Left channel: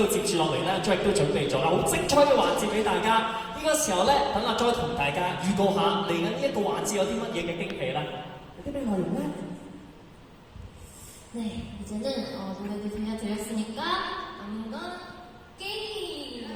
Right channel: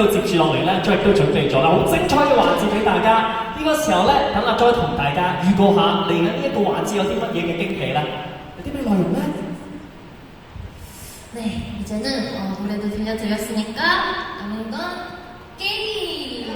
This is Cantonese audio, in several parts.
道接住落嚟咧，再亦都準備咗啦，好精彩嘅環節俾大家。呢個時候咧，等阿 Joy 同大家預告下嚟緊呢一個環節有啲乜嘢嘅驚喜咧？有啲咩內容咧？ 네, 이제는 노래도 들려드렸으니까 남은 건 게임!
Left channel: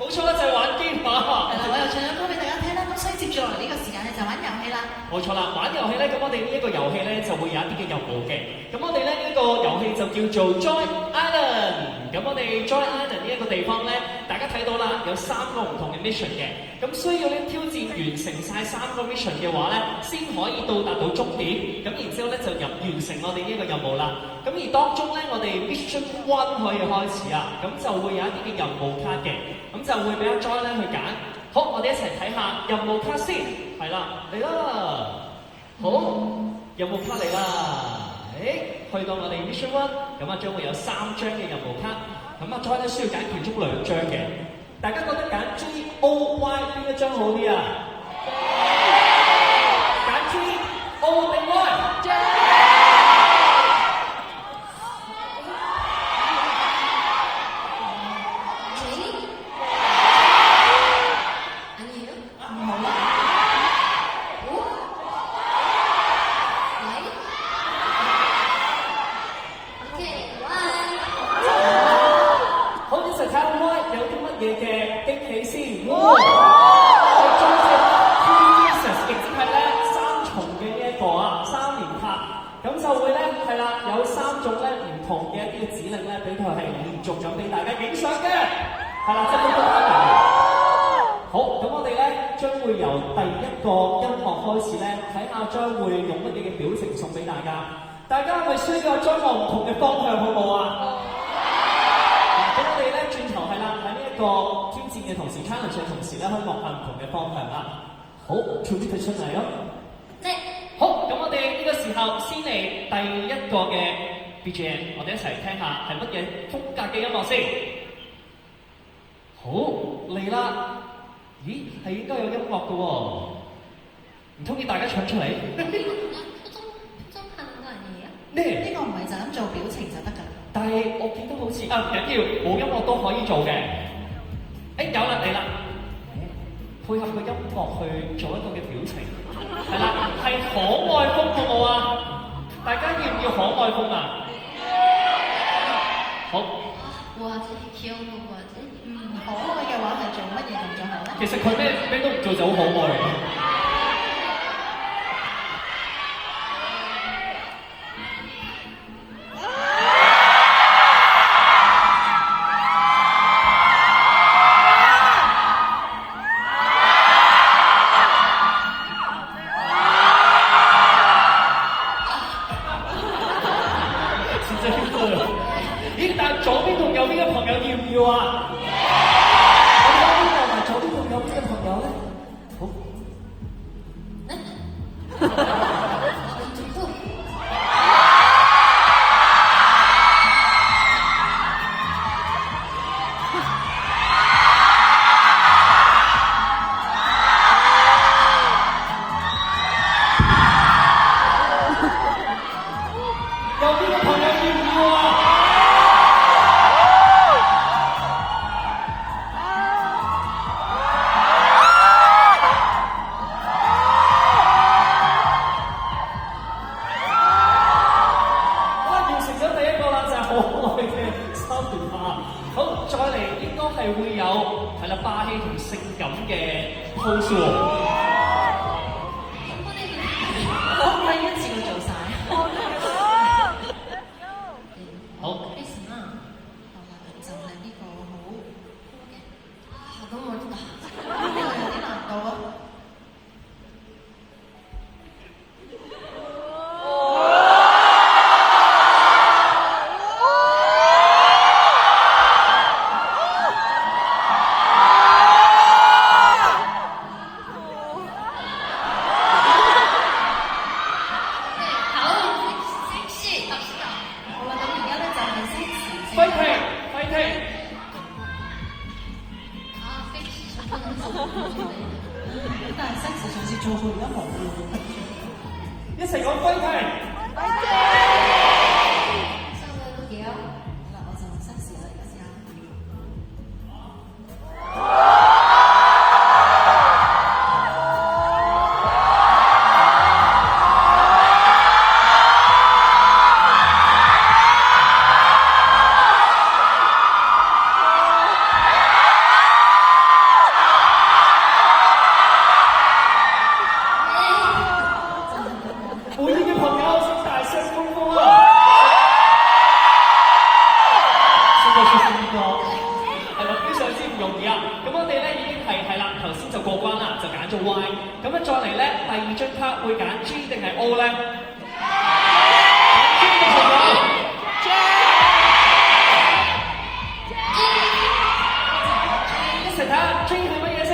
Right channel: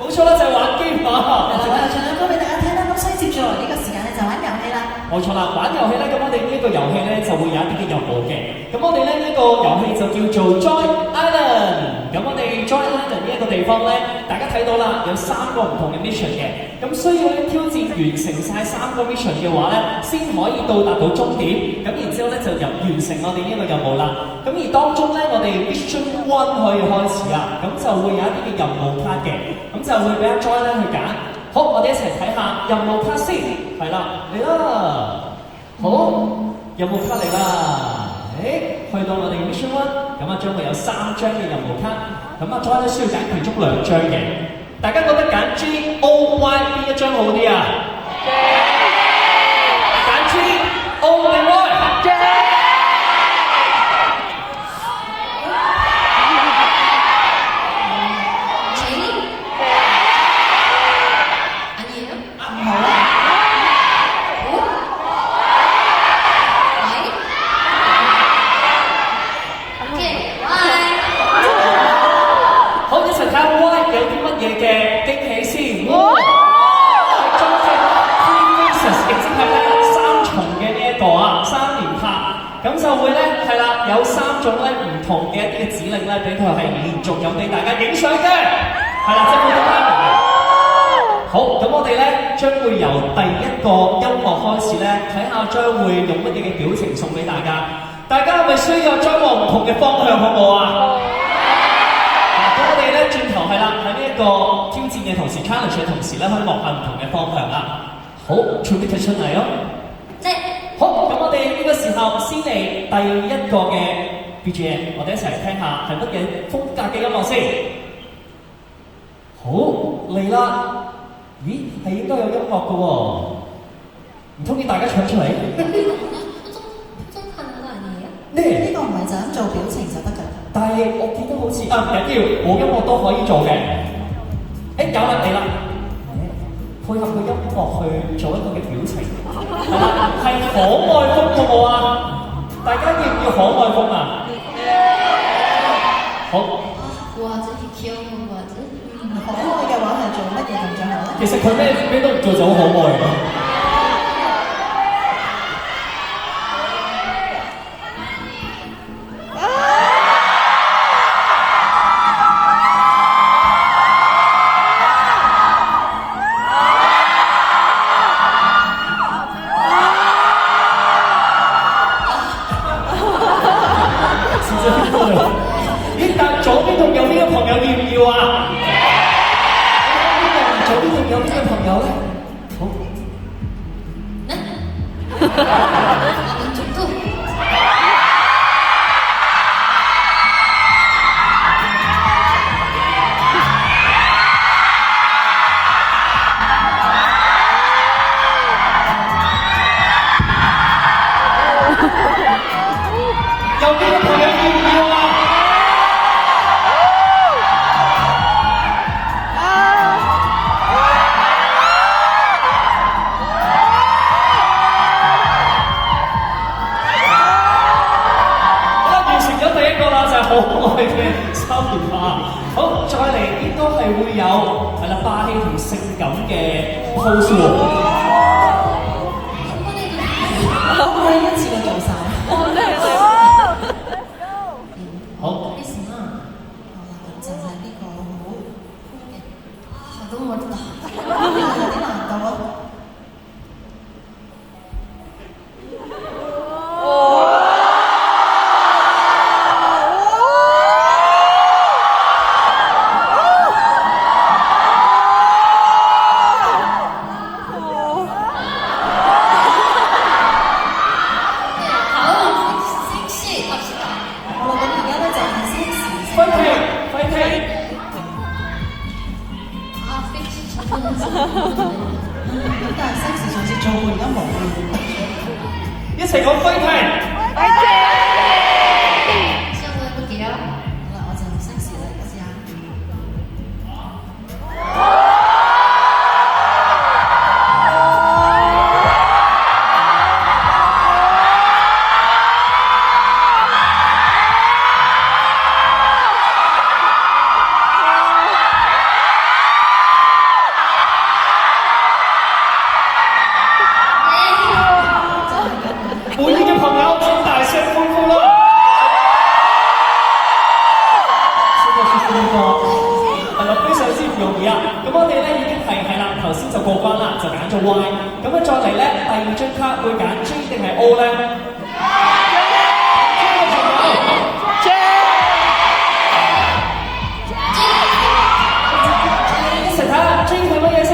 冇錯啦，就係玩機嘛。係啦，唱兩歌俾大家聽啦。咁所以接住落嚟呢個時間咧就玩遊戲啦。冇錯啦，玩遊戲咧，咁我哋呢一個遊戲咧就會有一啲嘅任務嘅。咁我哋咧呢個遊戲就叫做 Joy Island。咁我哋 Joy Island 呢一個地方咧，大家睇到啦，有3個唔同嘅 mission 嘅。咁需要咧挑戰完成晒3個 mission 嘅話咧，先可以到達到終點。咁然之後咧就完成我哋呢一個任務啦。咁而當中咧，我哋 mission 1可以開始啦。咁就會有一啲嘅任務卡嘅。咁就會俾阿 Joy 咧去揀。好，我哋一齊睇下任務卡先。係啦，嚟啦。好，任務卡嚟啦。去到我哋 mission 1，咁啊將會有3張嘅任務卡。咁阿 Joy 咧需要揀其中2張嘅。大家覺得揀 G O Y 邊一張好啲啊？揀 G O 定 Y？ 有3種咧唔同嘅一啲嘅指令咧，俾佢係連續咁俾大家影相嘅，係啦，即係好多嘅。好，咁我哋咧將會由第一個音樂開始咧，睇下將會用乜嘢嘅表情送俾大家。大家係咪需要將往唔同嘅方向，好唔好啊？咁我哋咧轉頭係啦，喺呢一個挑戰嘅同時 challenge 嘅同時咧，可以望下唔同嘅方向啦。好，準備出嚟咯。好，咁我哋呢個時候先嚟第一個嘅 BGM， 我哋一齊聽下係乜嘢風格嘅音樂先。好，嚟啦！咦，係應該有音樂嘅喎，唔通要大家唱出嚟？呢個唔係就咁做表情就得㗎。但係我見到好似唔緊要，冇音樂都可以做嘅。有啦，嚟啦！配合個音樂去做一個嘅表情。係啦，係可愛風好唔好啊？大家要唔要可愛風啊？好。哇！真係귀여운 거 같아。可愛嘅話係做乜嘢動作好咧？其實佢咩都唔做就好可愛嘅。但係 sexy 上次做過而家冇一齊講飛踢！시험을 해볼게요. 咗 Y。咁樣再嚟咧，第二張卡會揀 J 定係 O 咧？一齊睇下 J 係乜嘢先？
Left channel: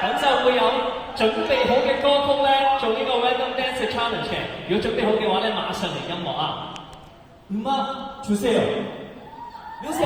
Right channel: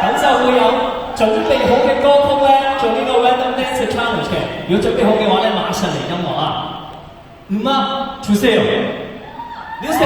咁就會有準備好嘅歌曲咧，做呢個 Random Dance Challenge 嘅。如果準備好嘅話咧，馬上嚟音樂啊！음악 주세요. 뮤직.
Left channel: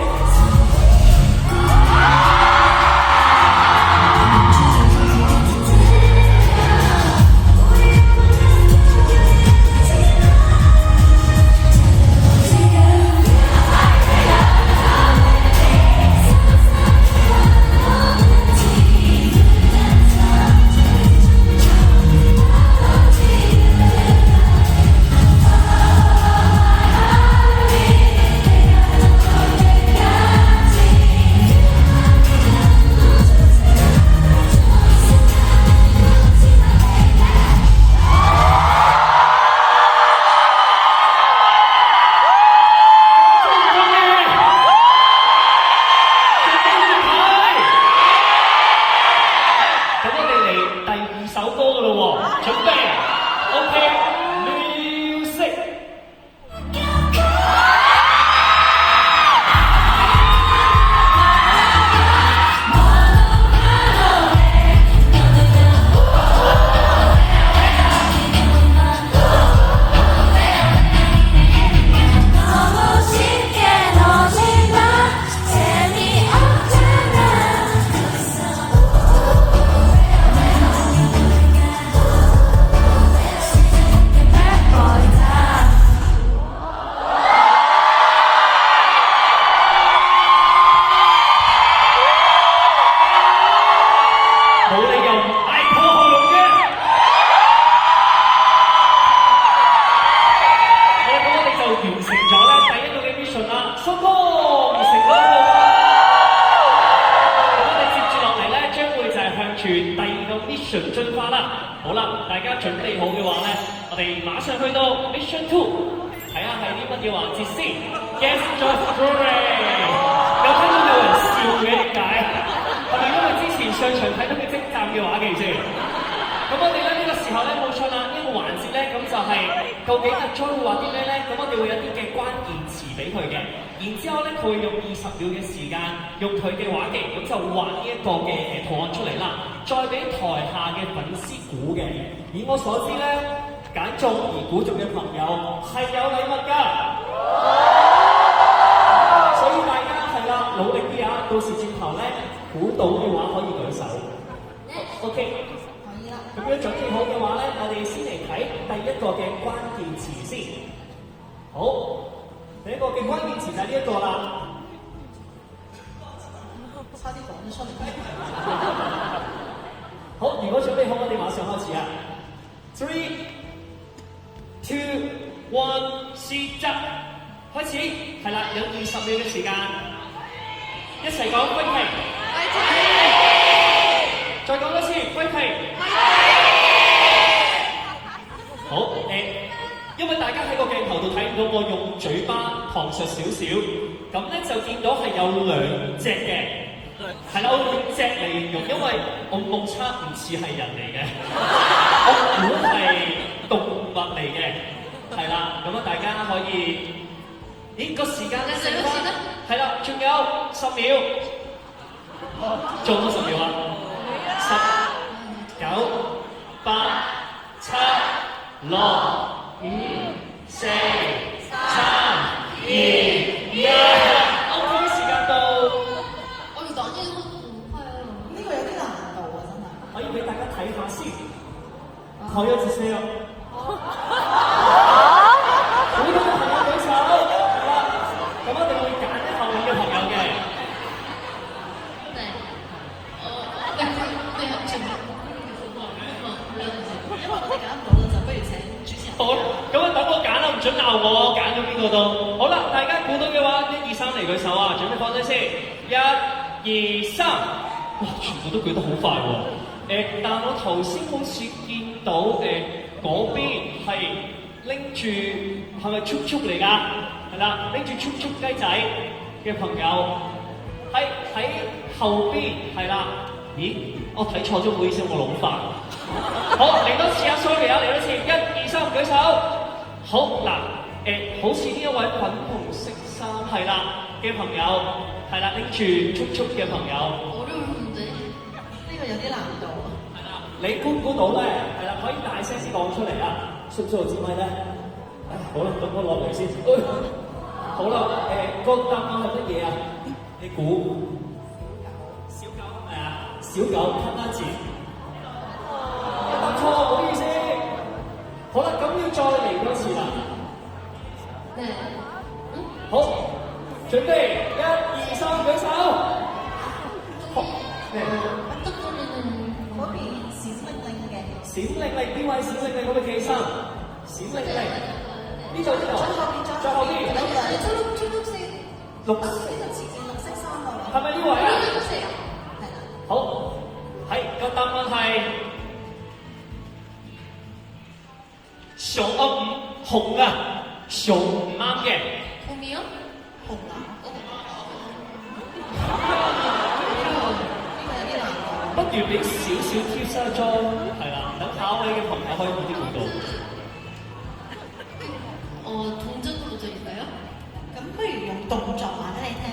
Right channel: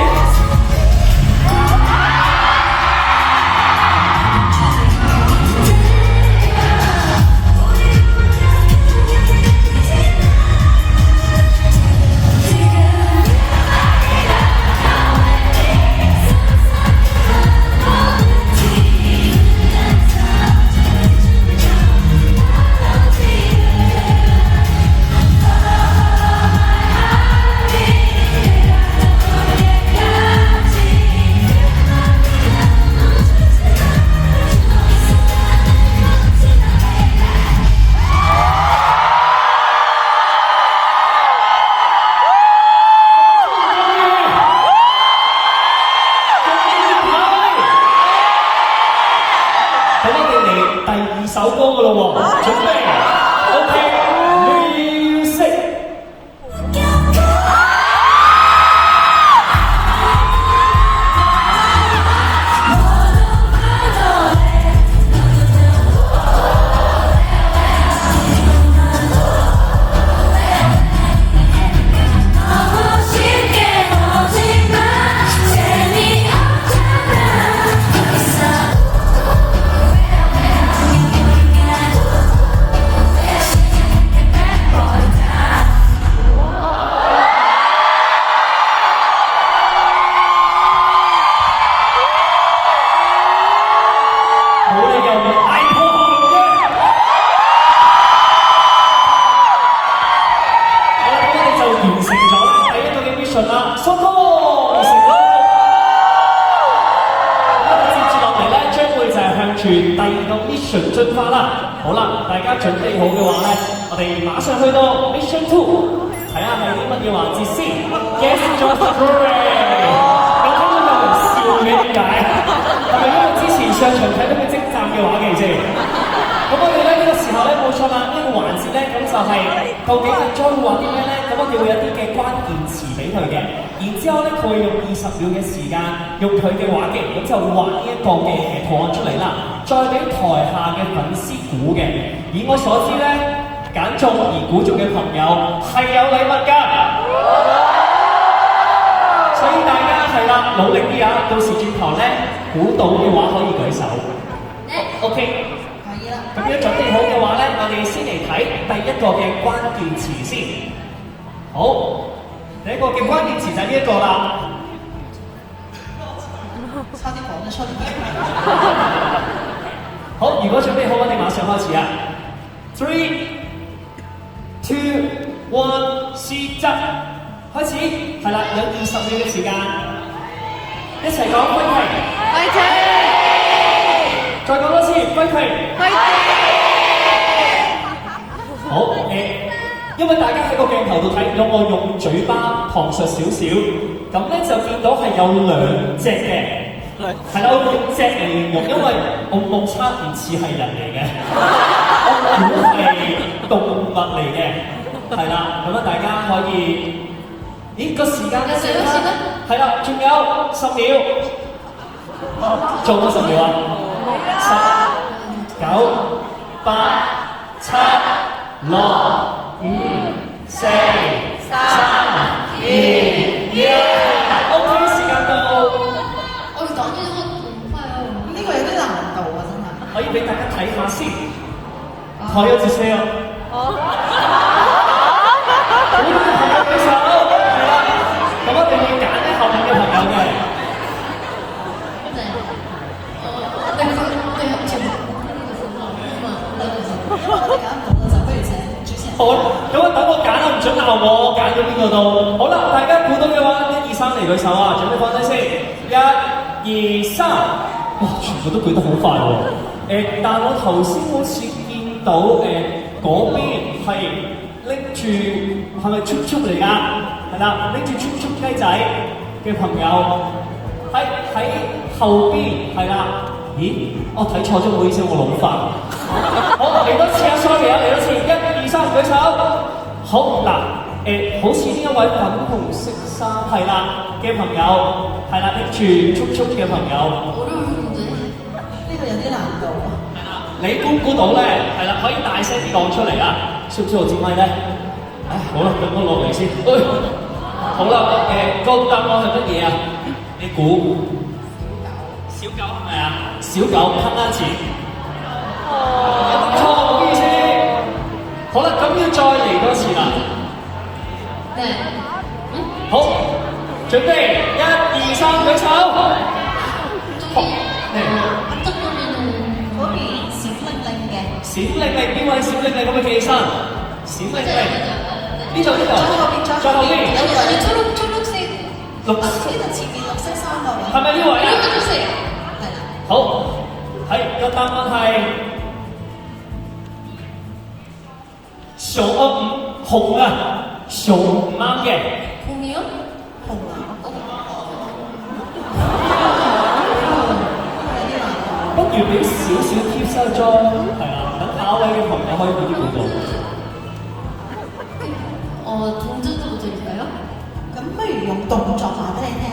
Mission 進化啦！好啦，大家準備好嘅話咧，我哋馬上去到 Mission 2，睇下係啲乜嘢環節先。Guess the story。有聽到有人笑嘅點解？係咪因為之前上場睇到佢精湛嘅話嘅啫？咁我哋咧呢個時候咧冇錯啦，呢個環節咧咁就係究竟阿 Jo 會話啲咩咧？咁我哋會有啲嘅關鍵詞俾佢嘅，然之後咧佢會用20秒嘅時間，用佢嘅話技咁就畫呢一個嘅圖案出嚟啦。再俾台下嘅粉絲估嘅，以我所知咧，揀中而估中嘅朋友係有禮物㗎，所以大家係啦，努力啲啊！到時轉台咧，估到嘅話可以舉手。OK， 可以啦。咁樣準備好嘅話咧，我哋先嚟睇第一個嘅關鍵詞先。好，第一個嘅關鍵詞就係呢一個啦。差啲講得出。好，如果準備好，我哋馬上開始啊 ！3、2、1，試執開始，係啦，有20秒嘅時間，一齊講歸期，再講多次歸期，好因為大家喺個鏡頭度睇到我用嘴巴旁述少少，咁咧就見到係有2隻嘅。係啦，我用隻嚟形容，因為我目測唔似係人嚟嘅，我估係動物嚟嘅，係啦，咁啊大家可以，咦個時間一陣啦，係啦，仲有10秒，做咗10秒啊，10、9、8、7、6、5、4、3、2、1，OK， 時間到。可以俾大家睇下先，可以接聲。好多嘅朋友舉手，係啦，咁我哋會揀啲後面嘅朋友嘅。好，咁啊等我揀啦，唔准鬧我，揀咗邊個都。好啦，大家估到嘅話，1、2、3嚟舉手啊！準備放低先，1、2、3，哇，全部都舉得好快喎。但我頭先好似見到嗰邊係拎住係咪速速嚟㗎？係啦，拎住速速雞仔嘅朋友喺後邊係啦。咦？我睇錯咗，唔好意思，我老化。好，嚟多次啊 ，sorry 啊，嚟多次，1、2、3，舉手。好嗱，好似呢一位粉紅色衫係啦嘅朋友，係啦，拎住速速嘅朋友。 어려운데? 呢個有啲難度啊！係啦，你估唔估到咧？係啦，可以大聲啲講出嚟啊！需唔需要我接咪咧？唉，好啦，咁我落嚟先。好啦，個答案係乜嘢啊？你估？小狗係咪啊？小狗噴啦錢。錯，唔好意思。好啦，咁要再嚟多次啦。 네. 好，準備1、2、3，舉手。好，嚟。 깜짝 놀라는 嗰邊閃靈靈嘅，閃靈靈，邊位閃靈靈咁嘅企起身？閃靈靈，呢度呢度，再後邊， 아니 초록색 綠，呢度前面綠色衫個位，係咪呢位啊？ 초록색 係啦，好，係個答案係熊紅啊，熊唔啱嘅， 봄이요? 紅藍，어, 呢個有啲難度。不如俾少少貼身裝，係啊，等下一位嘅朋友可以快啲估到。 동전도 드릴까요? 咁不如用動作話俾你聽。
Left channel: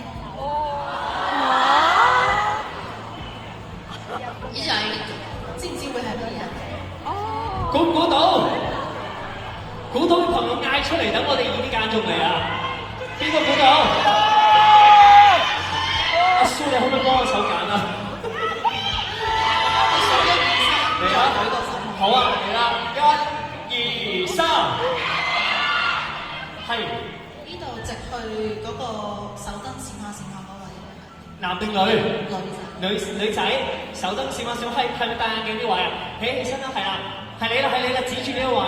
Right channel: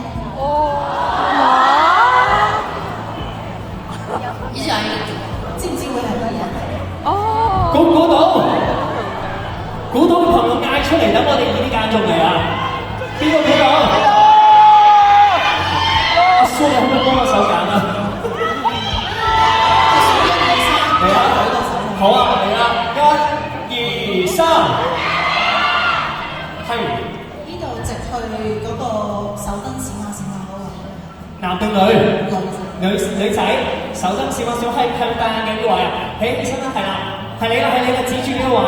이제 알겠죠? 知唔知會係乜嘢啊？估唔估到？估到嘅朋友嗌出嚟，等我哋易啲揀中嚟啊！邊個估到？阿蘇，你可唔可以幫我手揀啊？嚟啦！好啊，嚟啦！1、2、3，係呢度直去嗰個手燈閃下閃下嗰個。男定女？女仔，手燈閃下閃下，係戴眼鏡呢位啊！起身啦，係啦，係你啦，係你啦，指住呢個位。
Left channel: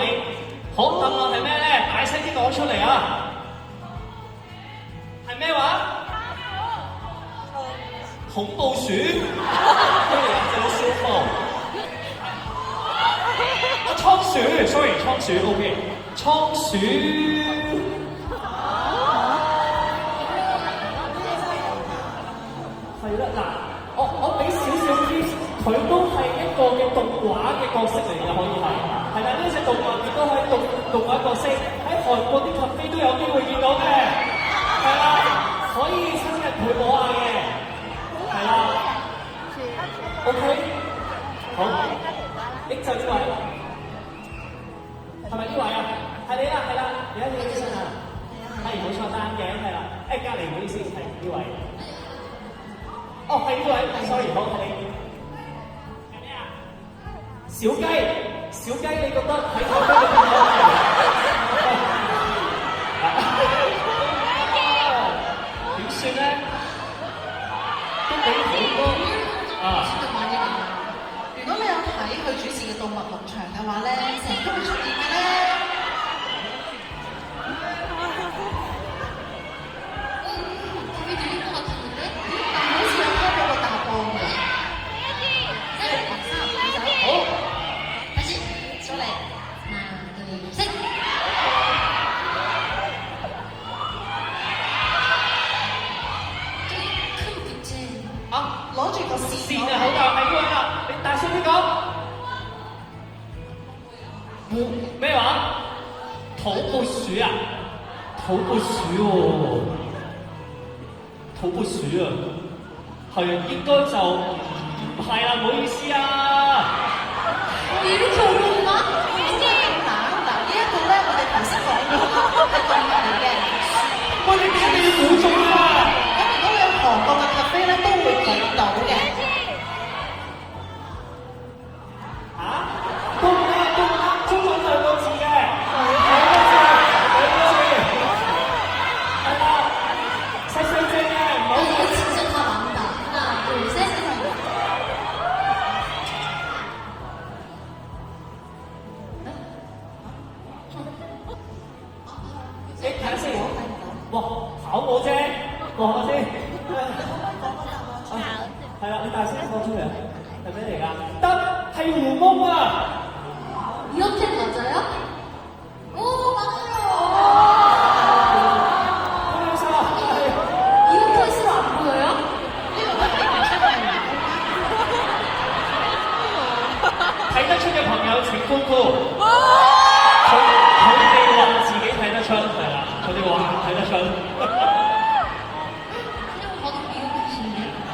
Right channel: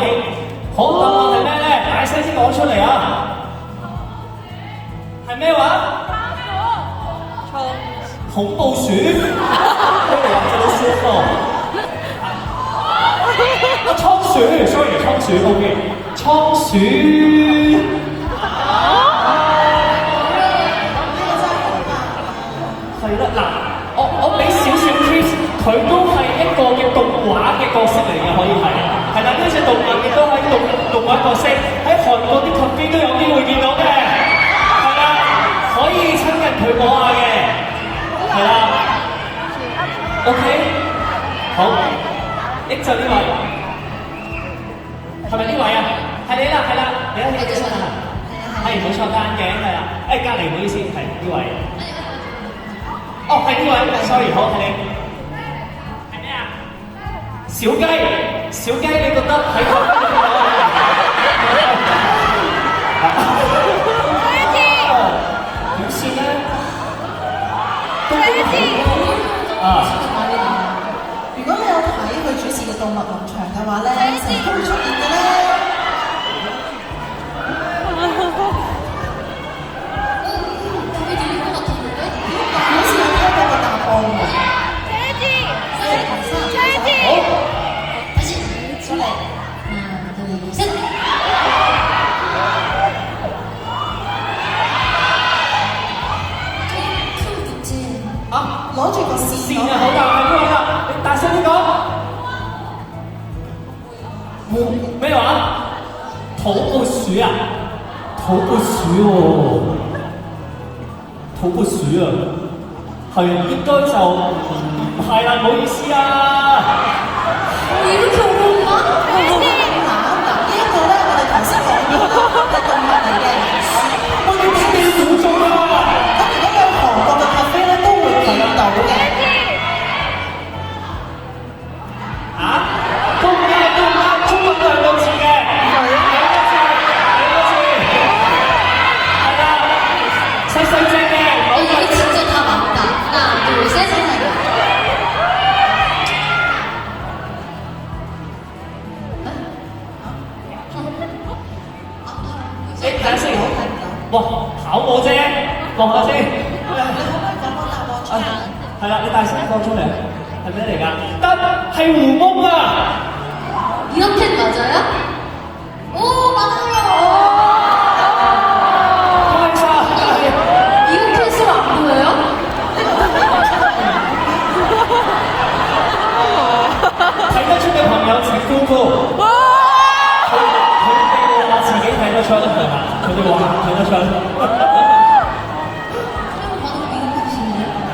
好，答案係咩咧？大聲啲講出嚟啊！係咩話？恐怖鼠，佢哋話做到舒服。啊，倉鼠 ，sorry， 倉鼠 ，OK， 倉鼠。係啦，嗱，我俾少少 tips，佢都係一個嘅動畫嘅角色嚟嘅，可以係。係啦，呢隻動物亦都係動畫角色，喺韓國啲 cafe 都有機會見到嘅。係啦，可以親近佢摸下嘅。係啦 ，OK， 好，益就呢位，係咪呢位啊？係你啦，係啦，你一起身啊，係冇錯，戴眼鏡係啦，隔離唔好意思，係呢位，哦係呢位 ，sorry， 好係你，係咩啊？小雞，小雞，你覺得喺嗰邊嘅朋友點算咧？都幾好啊！如果你有睇佢主持嘅動物農場嘅話咧，成日都會出現嘅咧。답이 들릴 것 같은데? 好似有聽到個答案喎。好，다시 出嚟。 하나, 둘, 셋. 큰 붙임. 啊！攞住個線線啊，好大係呢位啦，你大聲啲講。咩話？土撥鼠啊？土撥鼠喎，土撥鼠啊，係應該就唔係啦，唔好意思啊。 이렇게 어려운가? 嗱，呢一個咧，我哋頭先講咗啦，係動物嚟嘅。喂，你俾你估中啦！咁如果有韓國嘅咖啡咧，都會見到嘅。啊？都唔啱，中文兩個字嘅，兩個字，係啦，細細隻嘅，唔好 이거 진짜 다 맞다. 하나, 둘, 셋. 睇下先，哇，考我啫，望下先。係啦，你大聲講出嚟，係咩嚟㗎？得，係狐獴啊！이렇게 맞아요? 오, 有情夫婦，佢哋話自己睇得出係啦，佢哋話睇得出。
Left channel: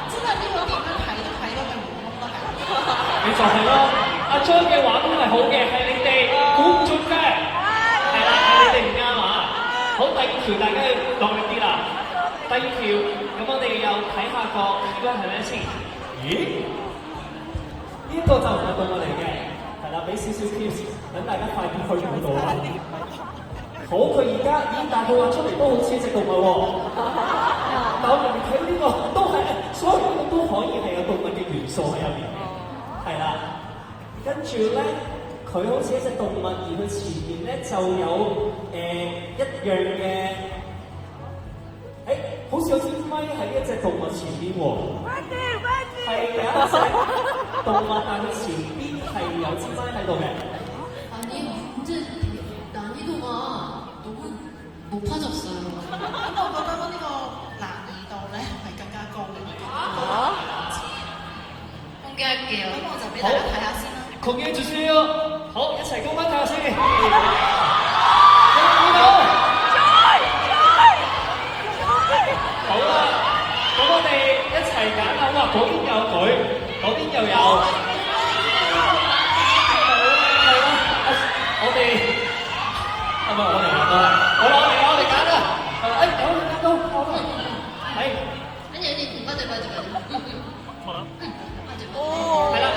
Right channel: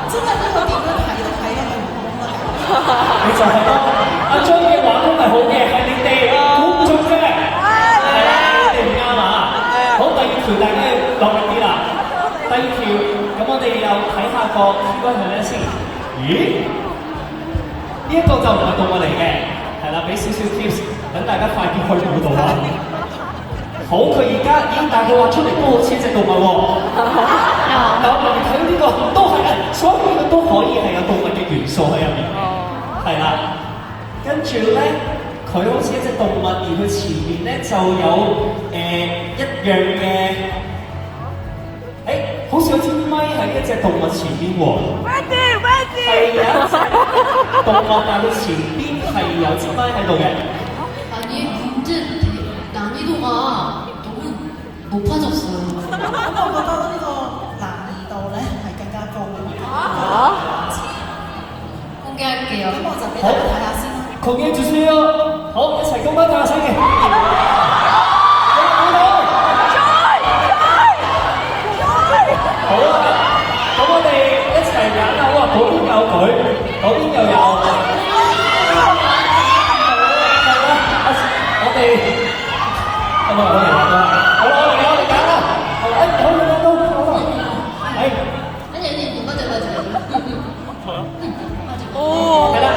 真係呢個點樣睇都睇得佢唔通得㗎。你就係咯，阿張嘅話都係好嘅，係你哋估唔中啫，係啦，你哋唔啱啊！好，第二條大家要落力啲啦。第二條，咁我哋又睇下個 keyword 係咩先？咦？呢一個就唔係動物嚟嘅，係啦，俾少少 tips，等大家快啲去估到啦。好，佢而家已經大概畫出嚟都好似一隻動物喎。但我留意睇到呢個都係，所以呢個都可以係有動物嘅元素喺入面嘅，係啦。跟住咧，佢好似一隻動物，而佢前面咧就有一樣嘅，好似有支咪喺一隻動物前邊喎。係有一隻動物，但係佢前邊係有支咪喺度嘅。 아니 문제 난이도가 너무 높아졌어요. 咁我覺得呢個難易度咧係更加高嘅。공개할게요. 咁我就俾大家睇下先啦。공개해주세요. 好，一齊公開睇下先。好啦，咁我哋一齊揀啦。哇，嗰邊有佢，嗰邊又有。係啦，我哋係咪我哋揀啦？好啦，我哋揀啦。好，好啦，好啦，係。 아니 맞아. 係啦，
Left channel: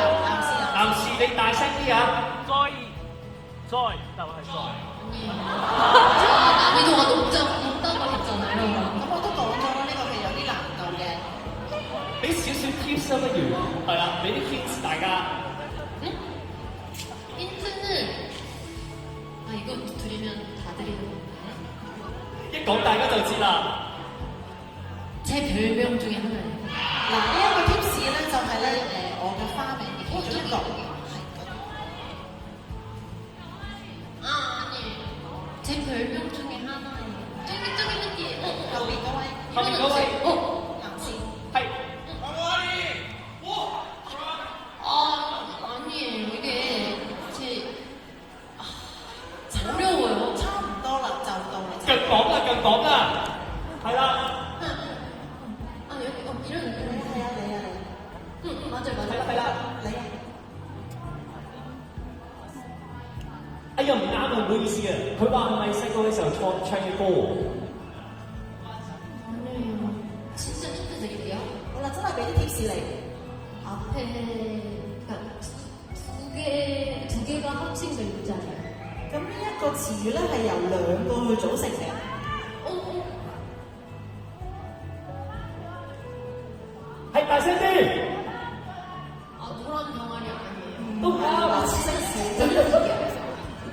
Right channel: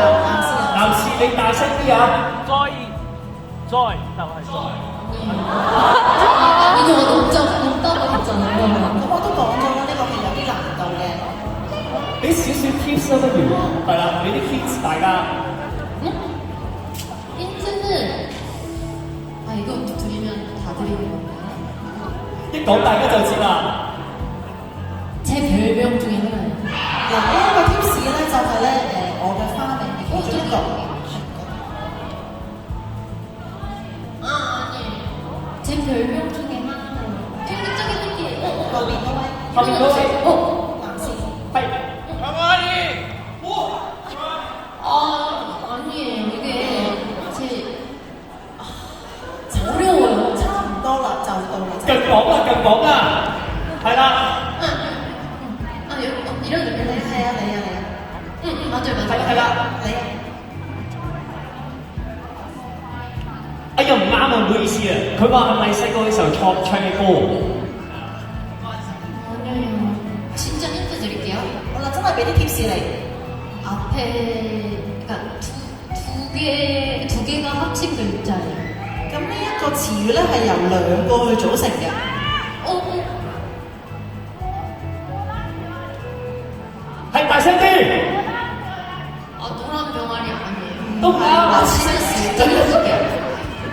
男士你大聲啲啊！再就係再。 난이도가 높다고 했잖아요. 咁我都講咗啦，呢個係有啲難度嘅。俾少少 tips 啦，不如係啦，俾啲 tips 大家。 힌트는 이거 드리면 다 드리는 건가요? 一講大家就知啦。 제 별명 중에 하나예요. 嗱，呢一個 tips 咧就係咧我嘅花名嘅其中一個。 아니에요. 제 별명 중에 하나예요. 저기 저기. 後邊嗰位，後面嗰位男士。係 아니에요. 이게 제 어려워요. 差唔多啦，就到你。近講啦，近講啦，係啦。 이런 느낌. 係啊，你啊，맞아요. 係啦。你啊。哎呀，唔啱啊，唔好意思啊。佢話係咪細個嘅時候唱嘅歌？ 아니에요. 진짜 힌트 드릴게요. 好啦，真係俾啲 tips 你。 앞에 그러니까 두 개가 합친 글자예요. 咁呢一個詞語咧係由兩個去組成嘅。 係大聲啲。 노란 병아리 아니에요. 都啱。 알려줄게요.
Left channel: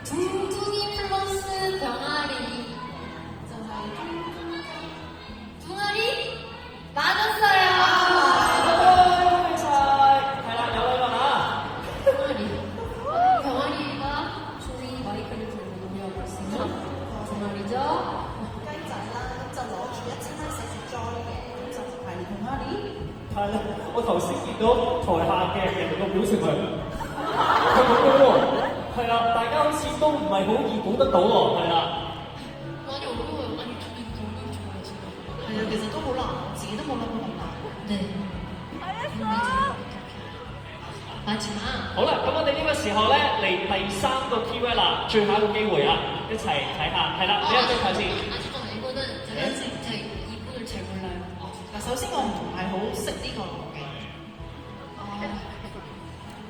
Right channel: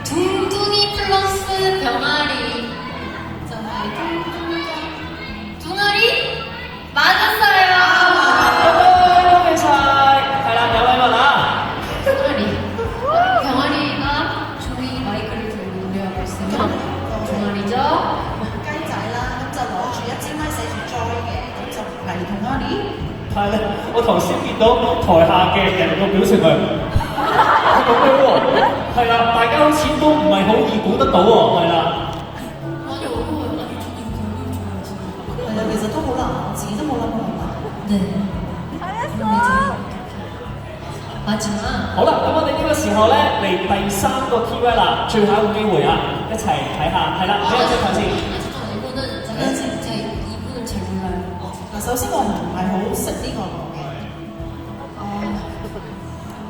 둥둥이 플러스 병아리. 둥아리? 맞았어요. 恭喜晒。係啦，有位問啦。 둥아리. 병아리가 종이 마이크를 들고 노래하고 있으면 둥아리죠. 雞仔啦，咁就攞住一支咪寫住 Joy 嘅，咁就係同阿啲。係啦，我頭先見到台下嘅人個表情係咁樣喎。係啦，大家好似都唔係好易估得到喎。係啦。 많이 어려워요. 나도 저기係啊，其實都好難，自己都冇諗過咁難。 네. 마지막. 好啦，咁我哋呢個時候咧嚟第三個 keyword 啦，最後一個機會啊，一齊睇下。係啦，俾人即頭先。 이거는 제가 이분을 잘 몰라요. 嗱，首先我唔係好識呢個嘅。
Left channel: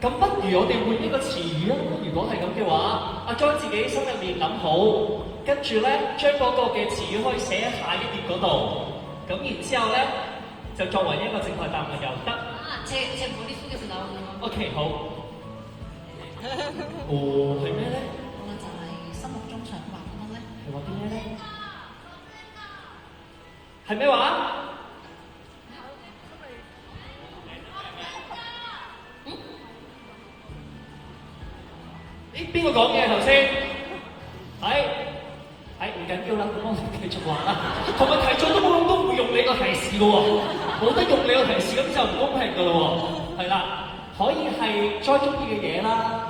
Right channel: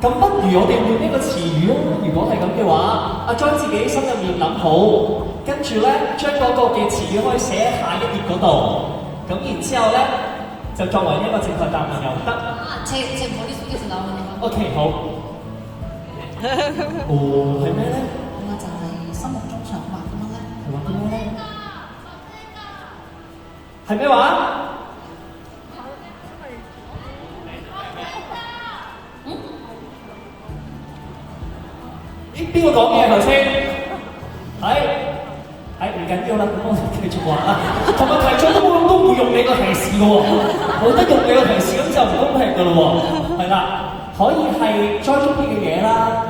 咁不如我哋換一個詞語啊！如果係咁嘅話，阿將自己心入面諗好，跟住咧將嗰個嘅詞語可以寫喺下一頁嗰度，咁然之後咧就作為一個正確答案又得。 제 머릿속에서 나오는 거. OK， 好。哦，係咩咧？咁啊就係心目中想畫啲乜咧？係畫啲咩咧？係咩話？咦，邊個講嘢頭先？係唔緊要啦，咁我哋繼續話啦。同埋題組都唔會用你個提示嘅喎，冇得用你個提示咁就唔公平嘅咯喎。係啦，可以係栽中意嘅嘢啦，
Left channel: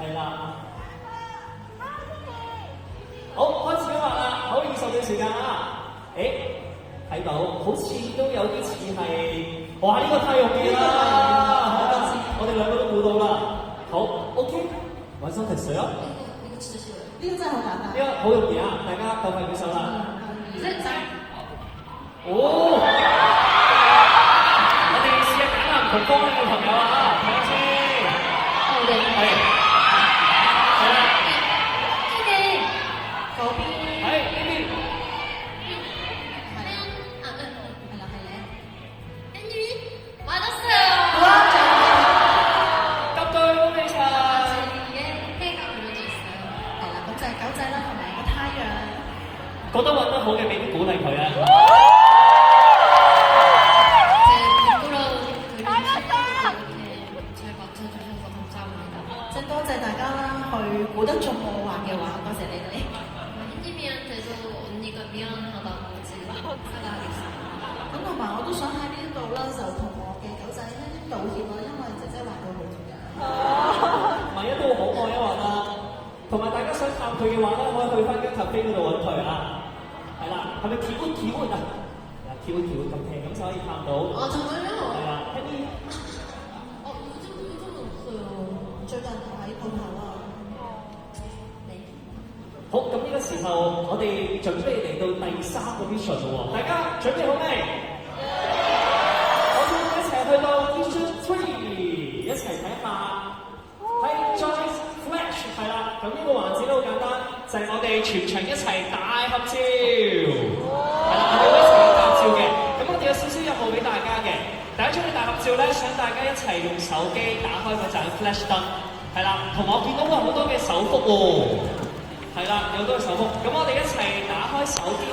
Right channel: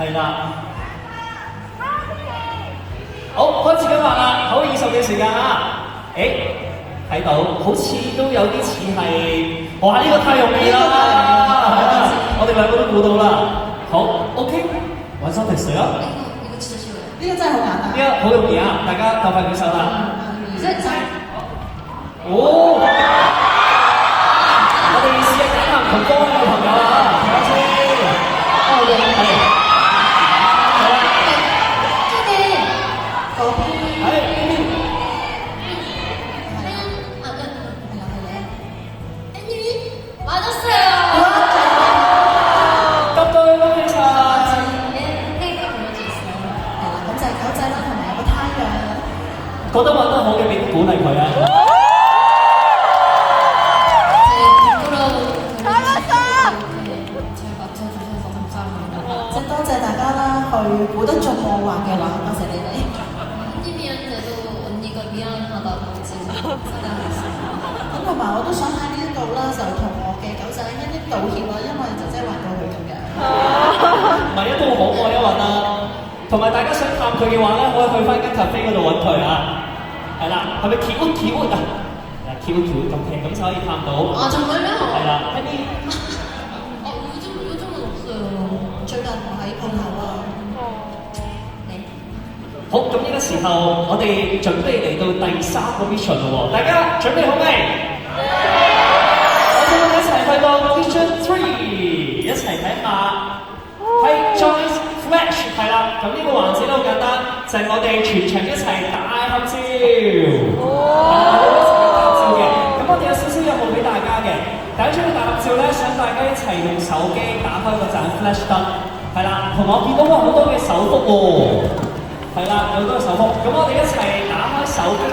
係啦。好，開始今日啦，好20嘅時間啊！誒，睇到好似都有啲似係，哇！呢個太容易啦，我哋兩個都估到啦。好 ，OK，玩手提水啊！一個持久的。呢個真係好簡單。呢個好容易啊，大家鬥快舉手啦！認真。哦，我哋試下揀下唔同方位嘅朋友啊，睇下先。哦，對。係。係啦。這邊。嗰邊係呢邊。맞았어요. 答對，恭喜晒！ 해가 그려져 있어요. 係啦，咁就係狗仔啦，同埋有個太陽。覺得揾得好嘅，俾啲鼓勵佢啊！ 제 부끄러운 그림을 잘 맞춰주셔서 감사합니다. 即係多謝大家啦，去估得中我畫嘅畫，多謝你哋。 햇님이한테도 언니가 미안하다고 지금 생각했어요. 咁同埋我都想喺呢一度啦，就同我嘅狗仔一啲道歉啦，因為姐姐畫到佢咁樣。唔係一都好愛一運啊！同埋大家想探佢嘅話咧，可以去翻間 cafe 嗰度揾佢啊！係啦，係咪 Q 啊？Q OK， 咁就可以探到。아 정말요? 係啦，喺啲。 요즘은 없어요. 最近我喺鋪頭啊。네. 好，咁呢個時候我哋準備嚟到第3個 mission 咯喎，大家準備好未？我哋一齊去到 mission 3，一齊睇下係 Joyce Flash 係啦。咁呢個環節都好簡單，就係我哋全場一齊大合照。係啦，我哋一齊大合照嘅。咁我哋有少少任務俾大家嘅。第一張嘅大合照咧，想大家一齊用手機打開嗰盞 flash 燈，係啦，同埋我見到好多嘅手幅喎。係啦，有好多嘅手幅，咁我哋一齊打開手機